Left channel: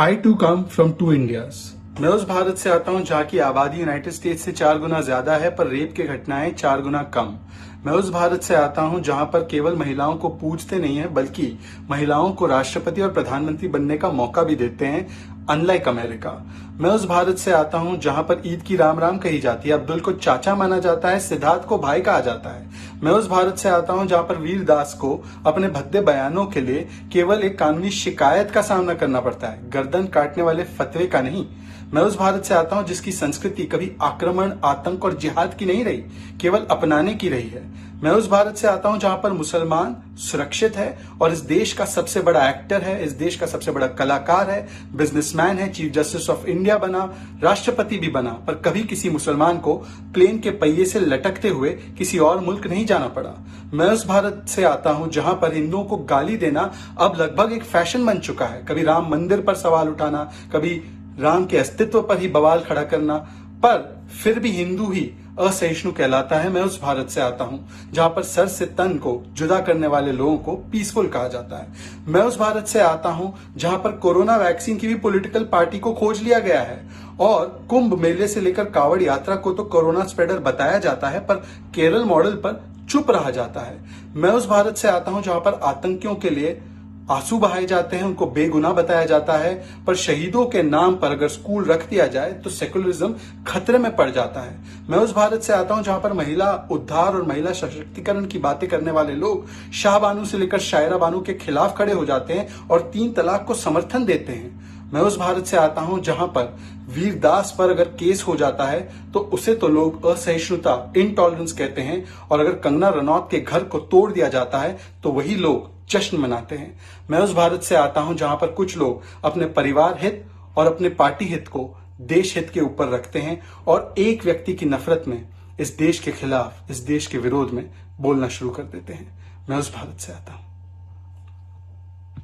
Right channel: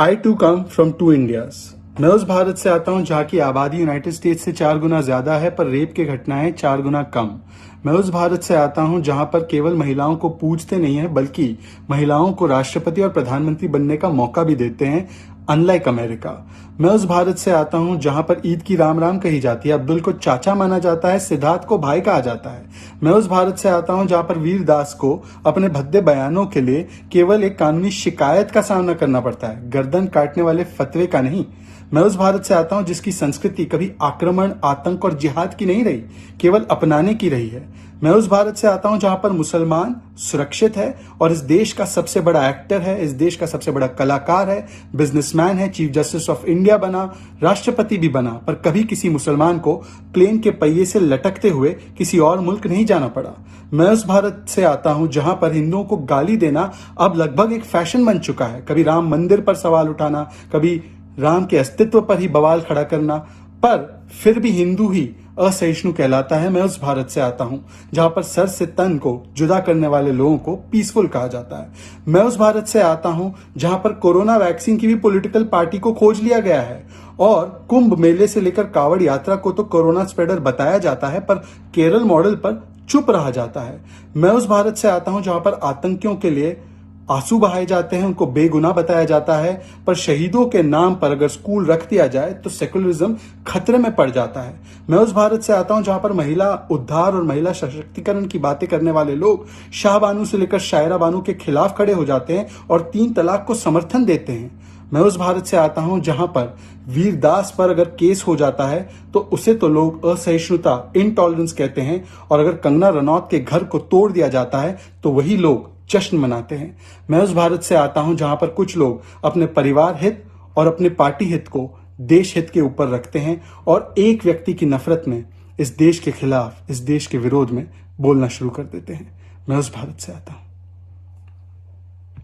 I too come from two Indias. मैं उस भारत से आता हूं जहां की आबादी यूनाइटेड स्टेट्स से 4 गुना ज्यादा है पर रेप की घटनाएं 4 गुना कम। मैं उस भारत से आता हूं जहां पर केवल महिलाओं को पूजते नहीं है बल्कि महिलाओं को राष्ट्रपति और प्रधानमंत्री बनने का मौका भी देते हैं, अनलाइक अमेरिका। मैं उस भारत से आता हूं जहां पर ईद की राम राम कही जाती है, अब्दुल को चाचा माना जाता है, सिद्धार्थ को भाई कहा जाता है। मैं उस भारत से आता हूं जहां पर वीरदास को अपने भद्दे बयानों के लिए केवल एक कानूनी शिकायत का सामना करना पड़ता है, गर्दन काटने वाले फतवे का नहीं। मैं उस भारत से आता हूं जिसकी संस्कृति कभी आक्रमण, आतंक और जिहाद की नहीं रही, केवल अपनाने की रही है। मैं उस भारत से आता हूं जहां पर मुसलमान सुरक्षित है और इस देश का सबसे बड़ा एक्टर है, इस देश का सबसे बड़ा कलाकार है, बिजनेसमैन है, चीफ जस्टिस ऑफ इंडिया बना, राष्ट्रपति भी बना, पर कभी किसी मुसलमान को प्लेन के पहिए से लटकते हुए किसी और मुल्क नहीं जाना पड़ा। मैं उस भारत से आता हूं जहां पर हिंदुओं को गाली देना अब लगभग एक फैशन बन चुका है, कभी राम मंदिर पर सवाल उठाना, कभी राम के अस्तित्व पर ही बवाल खड़ा करना, पर फिर भी हिंदू ही असहिष्णु कहलाता है। मैं उस भारत से आता हूं जहां पर सर से तन को जुदा करने वाले लोगों को पीसफुल कहा जाता है। मैं उस भारत से आता हूं जहां पर कोरोना वैक्सीन की भी पॉलिटिकल पार्टी को खोज लिया गया है और कुंभ मेले से लेकर कावड़ यात्रा को तो कोरोना स्प्रेडर बताया जाता है पर केरल मॉडल पर चुप रहा जाता है। मैं उस भारत से आता हूं जहां पर आतंकियों के लिए आंसू बहाए जाते हैं, उनको बेगुनाह बताया जाता है, पर शहीदों के नाम पर अगर स्कूल रख दिया जाए तो सेकुलरिज्म खतरे में पड़ जाता है। मैं उस भारत से आता हूं जहां पर महिला उद्धार और महिला सशक्तिकरण की बातें करने वाले लोग शाह बानू से लेकर शायरा बानू के खिलाफ खड़े हो जाते हैं और 3 तलाक को समर्थन देते हैं। मैं उस भारत से आता हूं जहां पर वीरदास पर अगर केस हो जाता है तो उसे तो लोग असहिष्णुता, इंटॉलरेंस कहते हैं, और अगर कंगना रनौत के घर को तोड़ दिया जाता है तो वही लोग जश्न मनाते हैं। मैं उस भारत से आता हूं जहां पर कुछ लोग अपने परिवार हित और अपने पार्टी हित को देश हित के ऊपर रखते हैं और एक व्यक्ति की नफरत में इस देश के खिलाफ, इस देश के विरोध में बोलना शुरू कर देते हैं। मैं उस भारत से आता हूं।